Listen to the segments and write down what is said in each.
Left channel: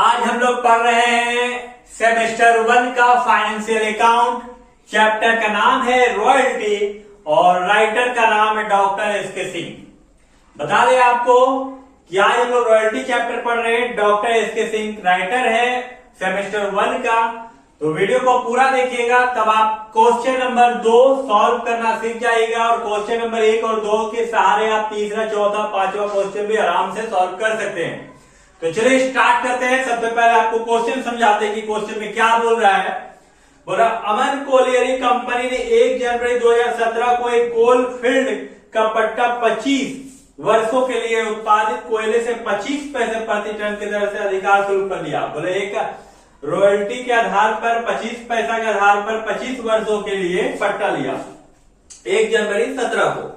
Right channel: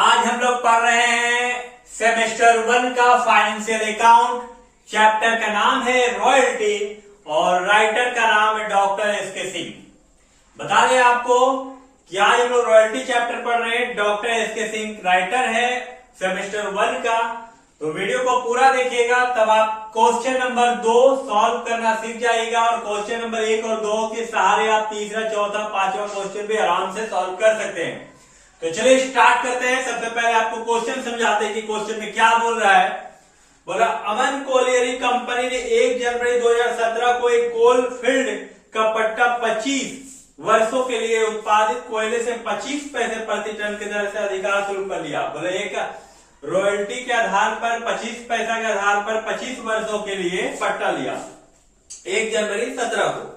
आज हम लोग पढ़ रहे हैं सेमेस्टर 1 का फाइनेंशियल अकाउंट। चैप्टर का नाम है रॉयल्टी और राइटर का नाम है डॉक्टर एसके सिंह। बता दें आपको कि आज हम लोग रॉयल्टी चैप्टर पढ़ रहे हैं। डॉक्टर एसके सिंह राइटर है सेमेस्टर 1 का। तो वीडियो को पूरा देखिएगा, तब आप क्वेश्चन नंबर 2 सॉल्व करना सीख जाइएगा और क्वेश्चन नंबर 1 और 2 के सहारे आप तीसरा, चौथा, पांचवा क्वेश्चन भी आराम से सॉल्व कर सकते हैं। तो चलिए स्टार्ट करते हैं। सबसे पहले आपको क्वेश्चन समझाते हैं कि क्वेश्चन में क्या बोल रहा है। बोला अमन कोलियरी कंपनी ने 1 जनवरी 2017 को एक कोल फील्ड का पट्टा 25 वर्षों के लिए उत्पादित कोयले से 25 पैसे प्रति टन की दर से अधिकार शुरू कर लिया। बोले एक रॉयल्टी के आधार पर 25 पैसा के आधार पर 25 वर्षों के लिए पट्टा लिया 1 जनवरी 17 को।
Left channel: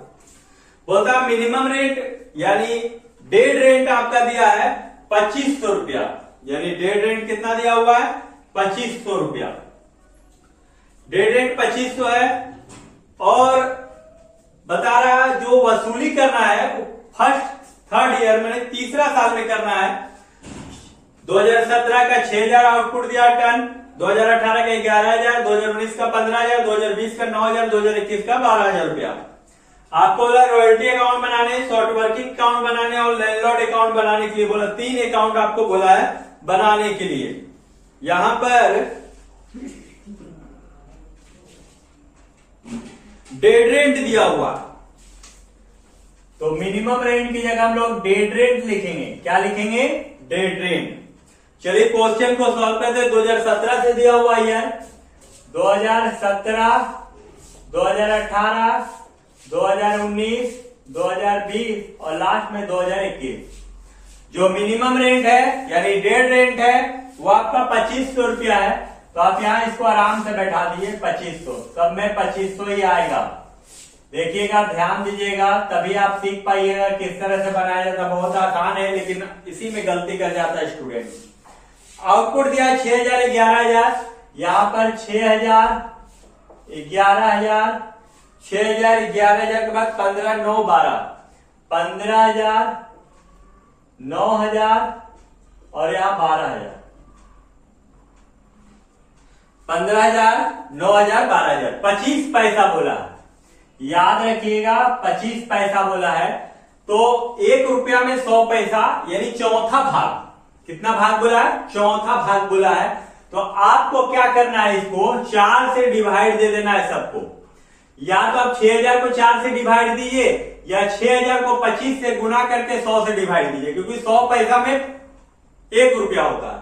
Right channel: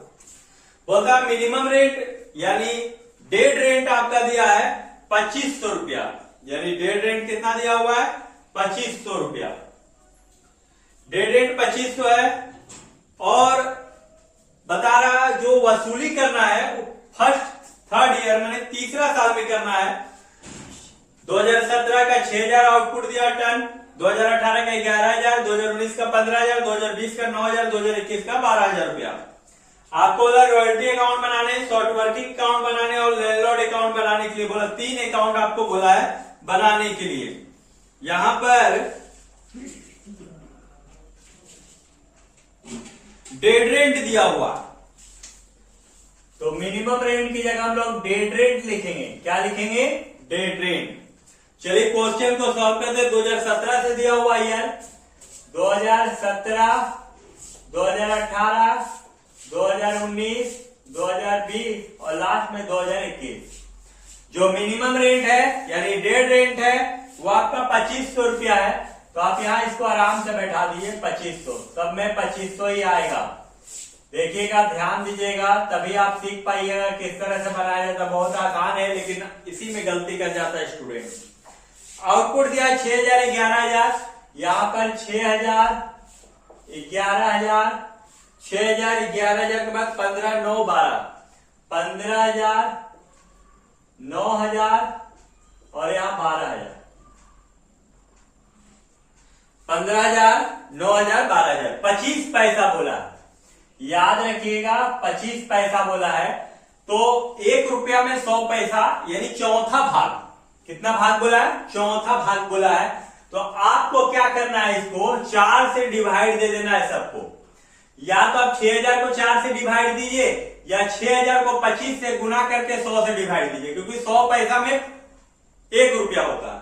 बोलता मिनिमम रेट यानी डेड रेंट आपका दिया है 2500 रुपया, यानी डेड रेंट कितना दिया हुआ है 2500 रुपया। डेड रेंट 2500 है और बता रहा है जो वसूली करना है फर्स्ट थर्ड ईयर में तीसरा साल में करना है। 2017 का 6000 आउटपुट दिया टन, 2018 का 11000, 2019 का 15000, 2020 का 9000, 2021 का 12000 रुपया। आपको बोला रॉयल्टी अकाउंट बनाने, शॉर्ट वर्किंग अकाउंट बनाने और लैंडलॉर्ड अकाउंट बनाने के लिए बोला 3 अकाउंट आपको बोला है बनाने के लिए। यहां पर डेड रेंट दिया हुआ, तो मिनिमम रेंट की जगह हम लोग डेड रेंट लिखेंगे। क्या लिखेंगे? Dead rent. चलिए क्वेश्चन को सॉल्व करते। 2017 से दिया हुआ है 2017, 2018, 2019, 2020 और लास्ट में 2021। जो मिनिमम रेंट है यानी डेड रेंट है वो आपका 2500 रुपया है। तो आप यहां इसको आराम से बैठा दीजिए 2500, सब में 2500 ही आएगा। देखिएगा, ध्यान दीजिएगा, तभी आप सीख पाइएगा किस तरह से बनाया जाता है। बहुत आसान है लेकिन इसी में गलती कर जाता है स्टूडेंट। आउटपुट दिया 6000, 11000, यहां पर 6000, 11000, 6000, 11000 के बाद 15, 9, 12, 15000, 9000 और यहां 12000। 15000, 9000, 12000, 25 पैसा बोला है। याद रखिएगा 25 पैसा बोला है तो 1 रुपया में 100 पैसा यानी चौथा भाग। कितना भाग बोला है? चौथा भाग बोला है। तो आपको क्या करना है, इसको 4 से डिवाइड दे देना है सबको। या तो आप 6000 को 4 से डिवाइड दीजिए या 6000 को 25 से गुना करके 100 से डिवाइड दीजिए, क्योंकि 100 पैसा में 1 रुपया होगा।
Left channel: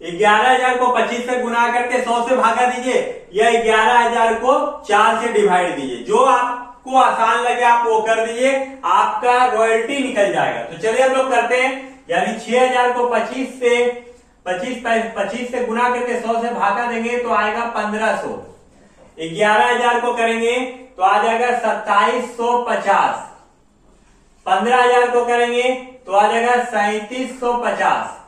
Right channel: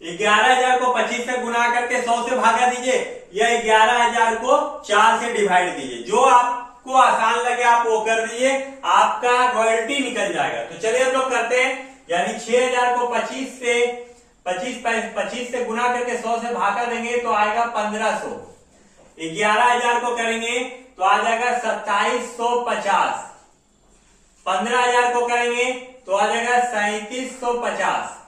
11000 को 25 से गुना करके 100 से भागा दीजिए या 11000 को 4 से डिवाइड दीजिए। जो आपको आसान लगे आप वो कर दीजिए, आपका रॉयल्टी निकल जाएगा। तो चलिए हम लोग करते हैं। यानी 6000 को 25 से गुना करके 100 से भागा देंगे तो आएगा 1500। 11000 को करेंगे तो आ जाएगा 2750। 15000 को करेंगे तो आ जाएगा 3750।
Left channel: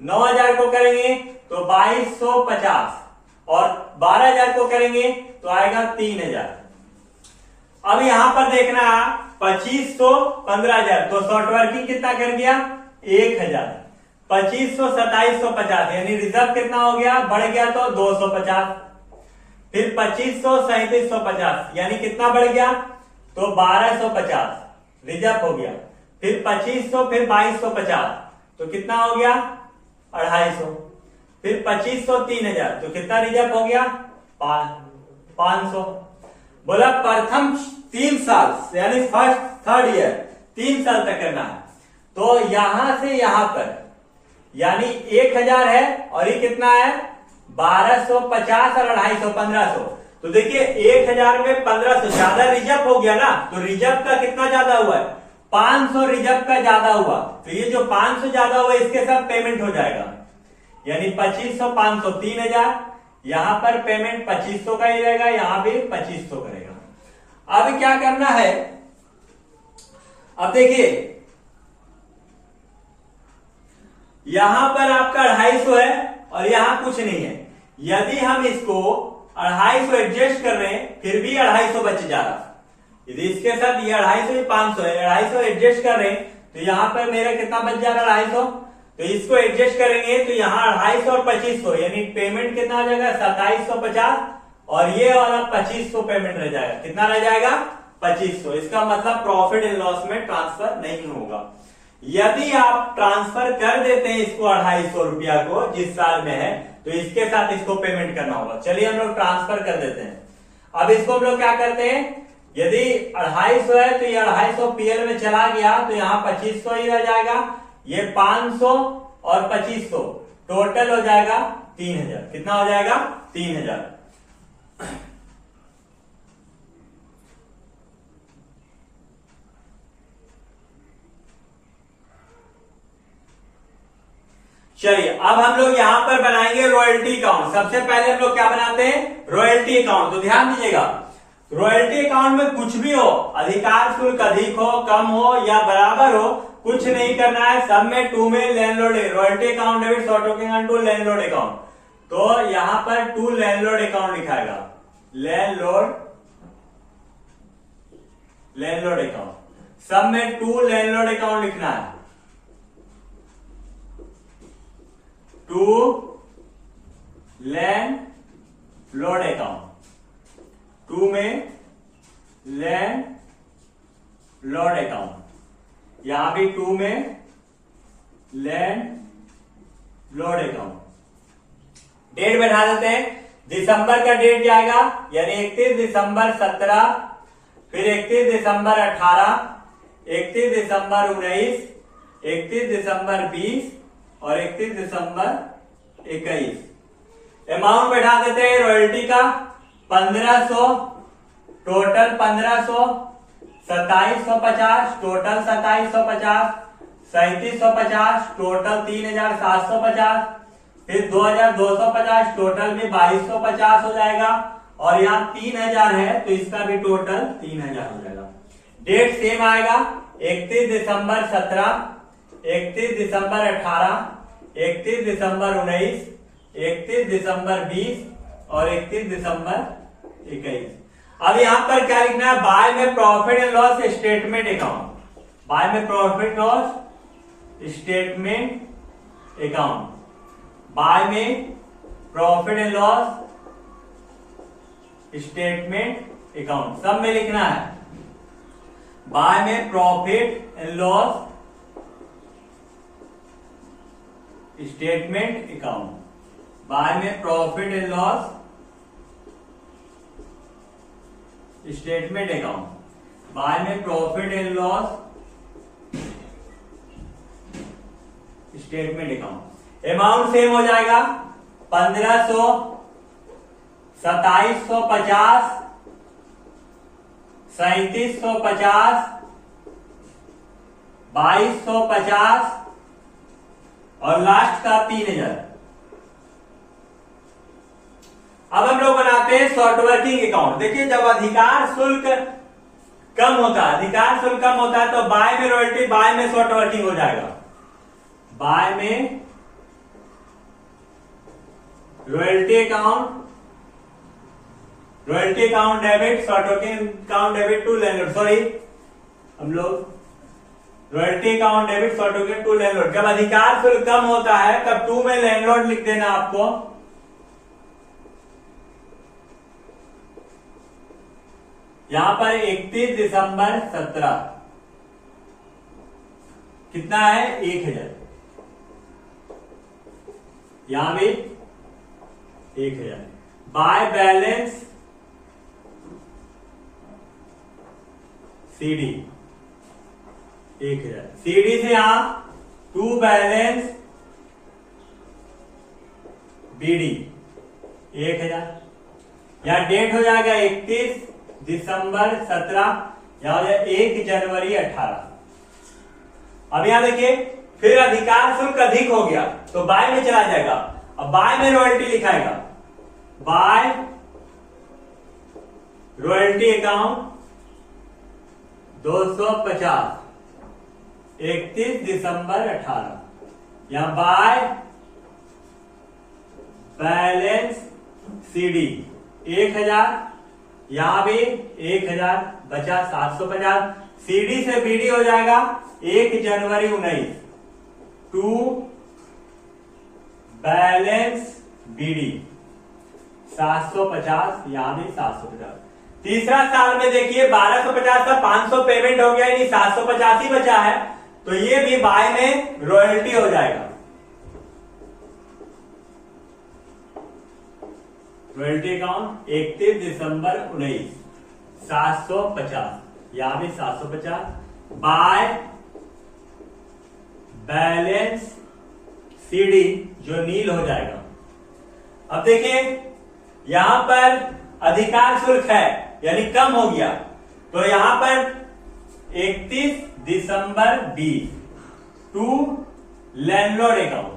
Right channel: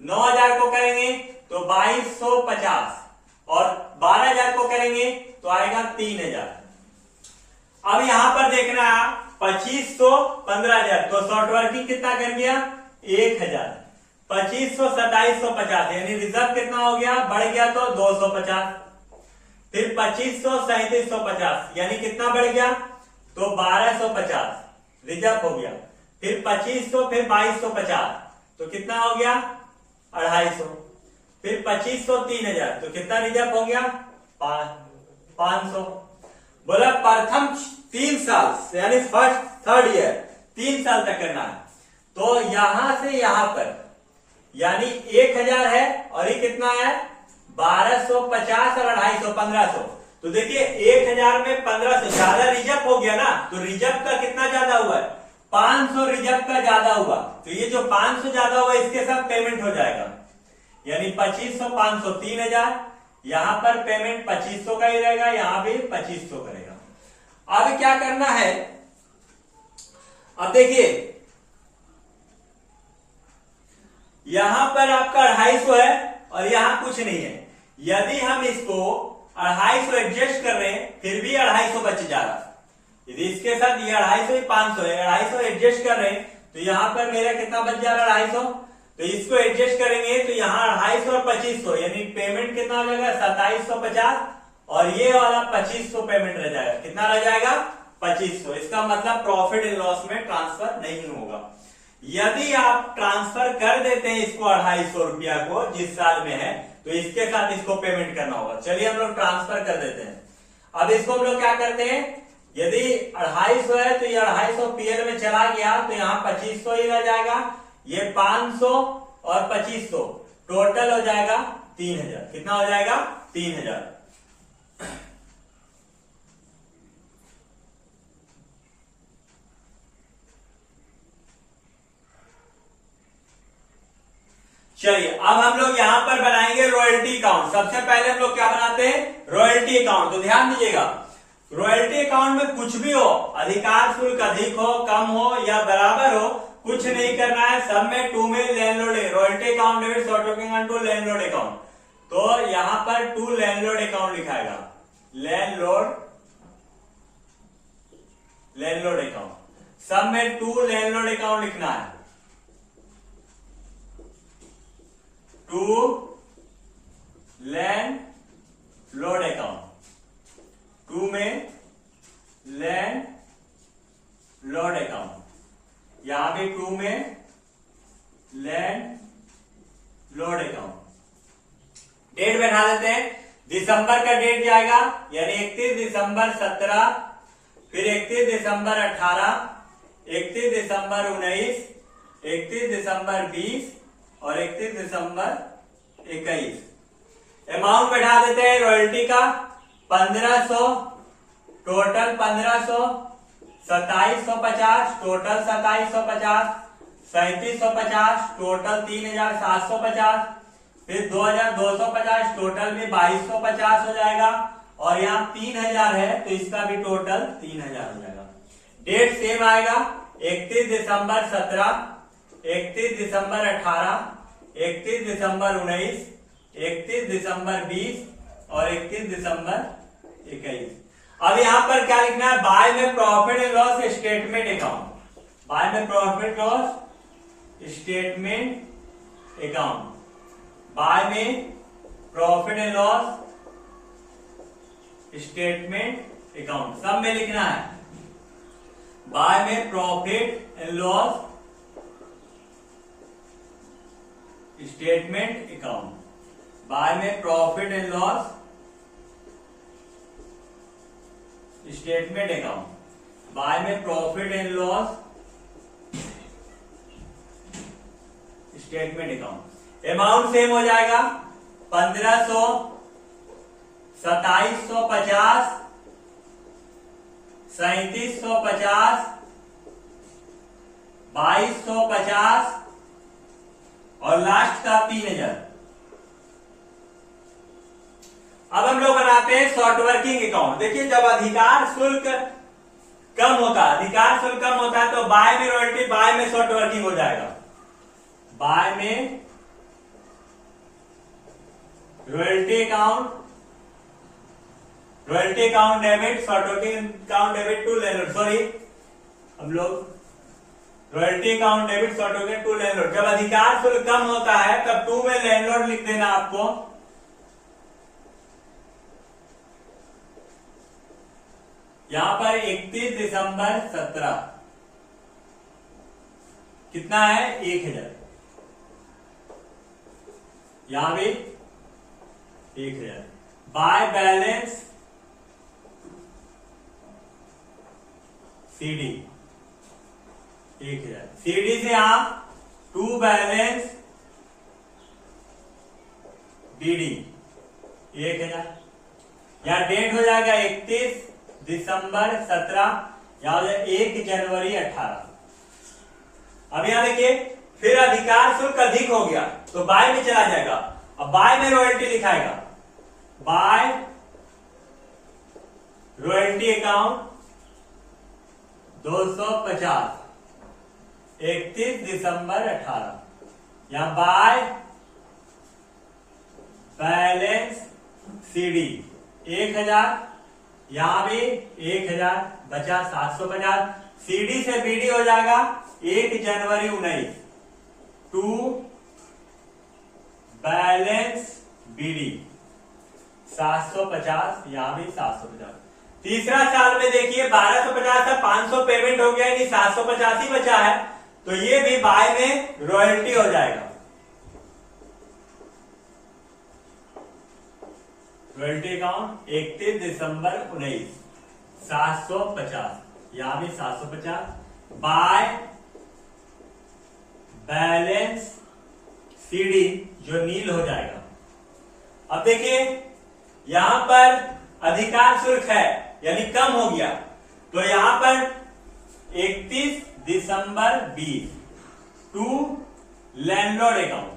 9000 को करेंगे तो 2250 और 12000 को करेंगे तो आएगा 3000। अब यहां पर देखना 2500, 15000 तो शॉर्ट वर्किंग कितना कर गया 1000। 2500, 2750 यानी रिजर्व कितना हो गया, बढ़ गया तो 250। फिर 2500, 3750 यानी कितना बढ़ गया तो 1250 रिजर्व हो गया। फिर 2500, फिर 2250 तो कितना हो गया 250। फिर 2500, 3000 तो कितना रिजर्व हो गया 500। बोला प्रथम 3 साल यानी फर्स्ट थर्ड ईयर 3 साल तक करना है। तो यहां से यहां पर यानी 1000 है और ये कितना है 1250 और 250, 1500। तो देखिए 1000 में 1500 ज्यादा रिजर्व हो गया ना, तो रिजर्व का कितना ज्यादा हुआ है 500 रिजर्व का ज्यादा हुआ। तो ये जो 500 ज्यादा हुआ इसके साथ पेमेंट हो जाएगा, यानी 2500, 500, 3000। यहां पर पेमेंट 2500 का ही रहेगा, यहां भी 2500 करेगा। अब क्या करना है, अब देखिए यहां पर आपका 250 है और यहां कुछ नहीं है। यदि हम इसको 250 एडजस्ट कर रहे हैं फिर भी 250 बच जा रहा। यदि इसके साथ ये 250, 500 है, 250 एडजस्ट कर रहे हैं तो यहां पर मेरा कितना बच जा रहा है 250। तो इसको एडजस्ट करेंगे तो यहाँ 250 और 2500 यानी पेमेंट कितना हो जाएगा 2750 और ये वाला 2500 पेमेंट रह जाएगा। कितना रह जाएगा 2500। इसका मतलब प्रॉफिट एंड लॉस में ट्रांसफर नहीं होगा। यदि आप ट्रांसफर कर देते हैं इसको 250 रुपया को जिस साल में है तो इसके साथ इसको पेमेंट करना होगा। चलिए हम लोग ट्रांसफर कर देते हैं। अब इसको हम लोग क्या करते हैं, यदि 250 है तो ये 250 पीएल में चला गया तो यहाँ 2500 ही रह जाएगा। ये 500 और 2500 टोटल हो जाएगा 3000। कितना हो जाएगा 3000। चलिए अब हम लोग यहां पर बनाएंगे रॉयल्टी अकाउंट। सबसे पहले हम लोग क्या बनाते हैं रॉयल्टी अकाउंट। तो ध्यान दीजिएगा रॉयल्टी अकाउंट में कुछ भी हो, अधिकार शुल्क अधिक हो कम हो या बराबर हो, कुछ नहीं करना है। सब में टू में landlord royalty account debit short token to landlord account. तो यहां पर टू लैंडलॉर्ड अकाउंट लिखाएगा, लैंडलॉर्ड अकाउंट। सब में टू लैंडलॉर्ड अकाउंट लिखना है, टू लैंडलॉर्ड अकाउंट। टू में लैंडलॉर्ड अकाउंट, यहां भी टू में लैंडलॉर्ड अकाउंट। डेट बैठा देते हैं, दिसंबर का डेट जाएगा यानी 31 दिसंबर 17, फिर 31 दिसंबर 18, 31 दिसंबर 19, 31 दिसंबर 20 और 31 दिसंबर 21। अमाउंट बैठा देते हैं रॉयल्टी का 1500 टोटल 1500, 2750 टोटल 2750, 3750 टोटल 3750, फिर 2250 टोटल में 2250 हो जाएगा और यहाँ 3000 है तो इसका भी टोटल 3000 हो जाएगा। डेट सेम आएगा 31 दिसंबर 17, 31 दिसंबर 18, 31 दिसंबर 19, 31 दिसंबर 20 और 31 दिसंबर 21। अब यहां पर क्या लिखना है, बाय में profit and loss statement account. By में profit loss statement account, by में profit and loss statement account. सब में लिखना है बाय में profit and loss statement account, by में profit and loss statement account, by में profit and loss statement account. Amount same हो जाएगा 1500, 2750, 3750, 2250 और लास्ट का 3000। अब हम लोग बनाते हैं शॉर्ट वर्किंग अकाउंट। देखिए जब अधिकार शुल्क कम होता है, अधिकार शुल्क कम होता है तो बाय में रॉयल्टी, बाय में शॉर्ट वर्किंग हो जाएगा। बाय में royalty account, royalty account debit, short working account debit to landlord. Sorry हम लोग royalty account debit short working to landlord. जब अधिकार शुल्क कम होता है तब टू में लैंडलॉर्ड लिख देना आपको। यहां पर 31 दिसंबर 17 कितना है 1000, यहां भी 1000। बाय बैलेंस सीडी 1000, सीडी से यहां टू बैलेंस बीडी 1000। यहां डेट हो जाएगा 31 दिसंबर 17, यहां हो जाए 1 जनवरी 18। अब यहां देखिए फिर अधिकार शुल्क अधिक हो गया तो बाय में चला जाएगा। अब बाय में रॉयल्टी लिखाएगा, बाय रॉयल्टी अकाउंट 250, 31 दिसंबर 18। यहां बाय बैलेंस सीडी 1000, यहां भी 1000 बचा 750। सीडी से बीडी हो जाएगा 1 जनवरी 19, टू BD 750, यहां भी 750। तीसरा साल में देखिए 1250 का 500 पेमेंट हो गया, यानी 750 ही बचा है, तो ये भी बाय में रॉयल्टी हो जाएगा। रॉयल्टी अकाउंट 31 दिसंबर 19 750, यहां भी 750 बाय बैलेंस CD जो नील हो जाएगा। अब देखिए यहां पर अधिकार शुल्क है यानी कम हो गया, तो यहां पर 31 दिसंबर 20 टू लैंडलॉर्ड अकाउंट,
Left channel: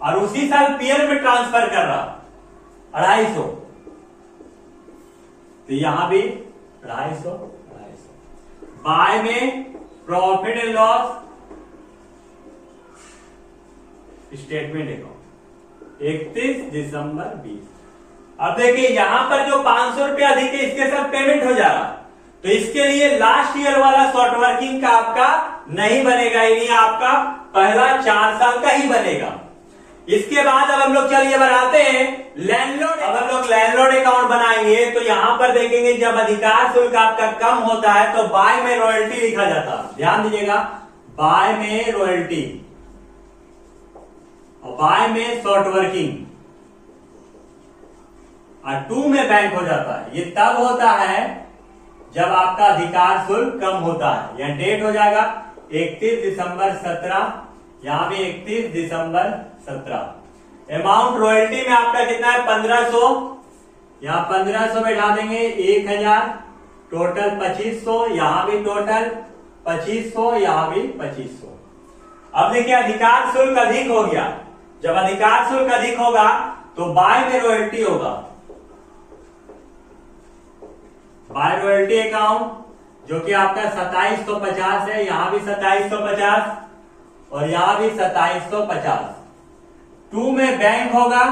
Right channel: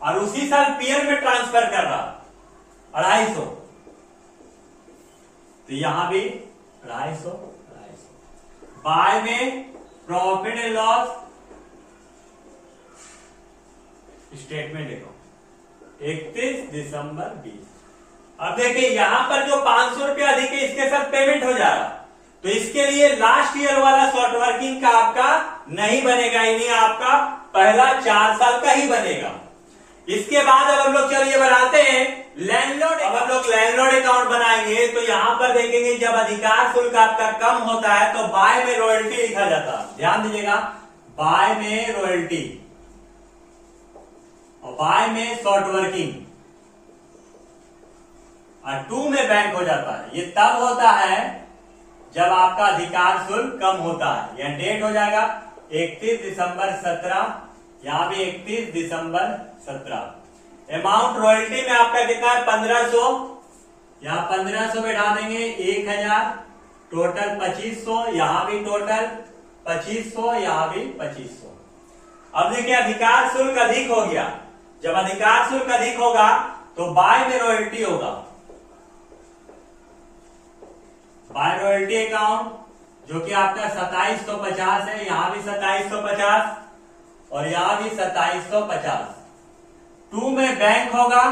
और उसी साल पीयर में ट्रांसफर कर रहा 250, तो यहां भी 250 बाय में profit and loss statement account 31 दिसंबर 20। अब देखिए यहां पर जो 500 रुपए अधिक है इसके साथ पेमेंट हो जा रहा, तो इसके लिए लास्ट ईयर वाला शॉर्ट वर्किंग का आपका नहीं बनेगा, यानी आपका पहला 4 साल का ही बनेगा। इसके बाद अब हम लोग चलिए बनाते हैं लैंडलॉर्ड। अब हम लोग लैंडलॉर्ड अकाउंट बनाएंगे, तो यहां पर देखेंगे जब अधिकार शुल्क आपका कम होता है तो बाय में रॉयल्टी लिखा जाता है, ध्यान दीजिएगा, बाय में रॉयल्टी और बाय में शॉर्ट वर्किंग और 2 में बैंक हो जाता है। ये तब होता है जब आपका अधिकार शुल्क कम होता है। यह डेट हो जाएगा 31 दिसंबर 17, यहां भी 31 दिसंबर 17। अमाउंट रॉयल्टी में आपका कितना है 1500, यहां 1500 बैठा देंगे, 1000 टोटल 2500, यहां भी टोटल 2500, यहां भी 2500। अब देखिए अधिकार शुल्क अधिक हो गया, जब अधिकार शुल्क अधिक होगा तो बाय में रॉयल्टी होगा, बाय रॉयल्टी अकाउंट जो कि आपका 2750 है, यहां भी 2750 और यहां भी 2750। 2 में बैंक होगा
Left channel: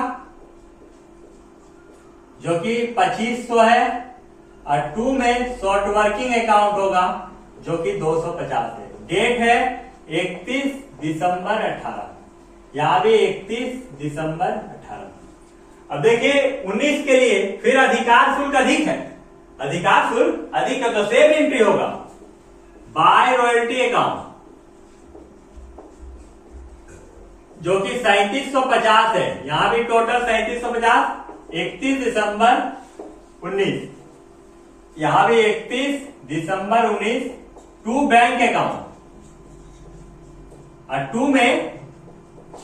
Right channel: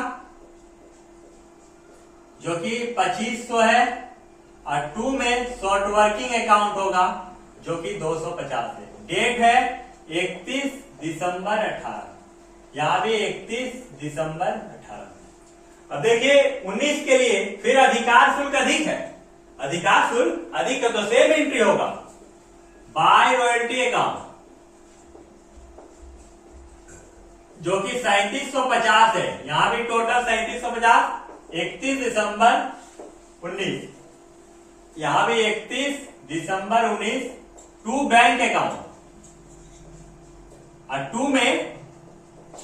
जो कि 2500 है और 2 में शॉर्ट वर्किंग अकाउंट होगा जो कि 250 है। डेट है 31 दिसंबर 18, यहां भी 31 दिसंबर 18। अब देखिए 19 के लिए फिर अधिकार शुल्क अधिक है, अधिकार शुल्क अधिक है तो सेम एंट्री होगा बाय रॉयल्टी अकाउंट जो कि 3750 है, यहां भी टोटल 3750, 31 दिसंबर 19, यहां भी 31 दिसंबर 19। 2 बैंक अकाउंट और 2 में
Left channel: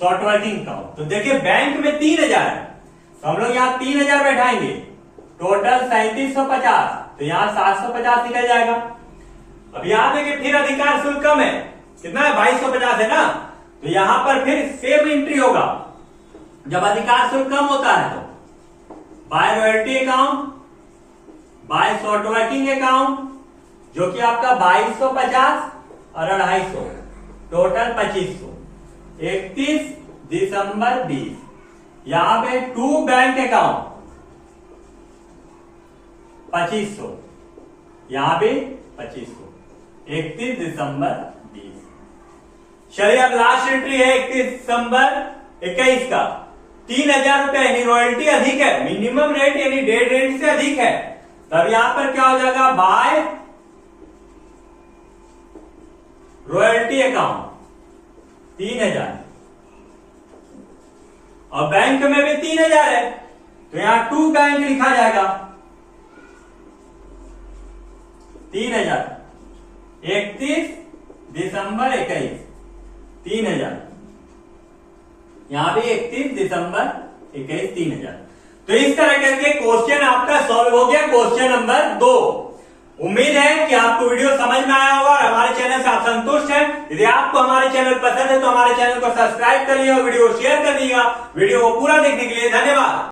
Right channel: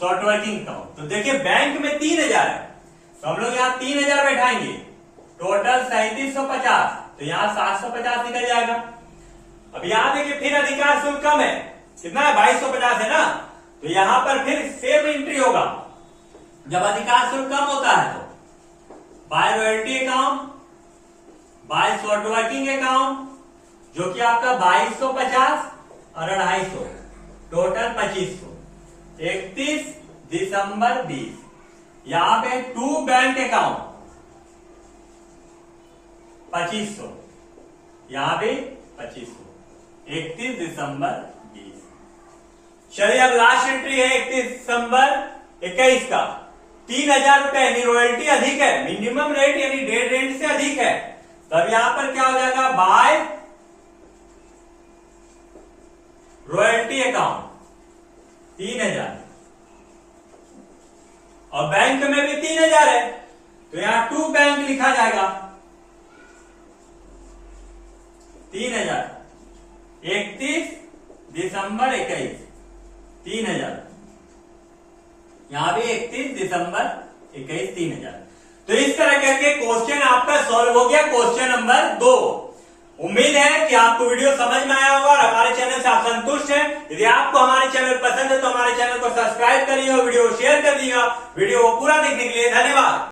शॉर्ट वर्किंग अकाउंट। तो देखिए बैंक में 3000 है, तो हम लोग यहां 3000 बैठाएंगे, टोटल 3750, तो यहां 750 निकल जाएगा। अब यहां देखिए फिर अधिकार शुल्क कम है, कितना है 2250 है ना, तो यहां पर फिर सेम एंट्री होगा। जब अधिकार शुल्क कम होता है तो by royalty account, by short working account जो कि आपका 2250 और 250, टोटल 2500। 31 दिसंबर 20, यहां पे 2 बैंक अकाउंट 2500, यहां भी 2500, 31 दिसंबर 20। चलिए अब लास्ट एंट्री है 31 दिसंबर 21 का 3000 रुपए, यानी रॉयल्टी अधिक है, मिनिमम रेट यानी डेड रेट से अधिक है, तब यहां पर क्या हो जाएगा बाय रॉयल्टी अकाउंट 3000 और बैंक में भी 3000 है, तो यहां 2 बैंक लिखा जाएगा 3000, 31 दिसंबर 21 3000, यहां भी 31 दिसंबर 21 3000। तो इस तरह करके क्वेश्चन आपका सॉल्व हो गया, क्वेश्चन नंबर 2। उम्मीद है कि आपको वीडियो समझ में आया होगा और हमारे चैनल से आप संतुष्ट हैं। यदि आपको हमारे चैनल पसंद है तो हमारे चैनल को सब्सक्राइब करिए और वीडियो शेयर कर दीजिएगा। वीडियो को पूरा देखने के लिए धन्यवाद।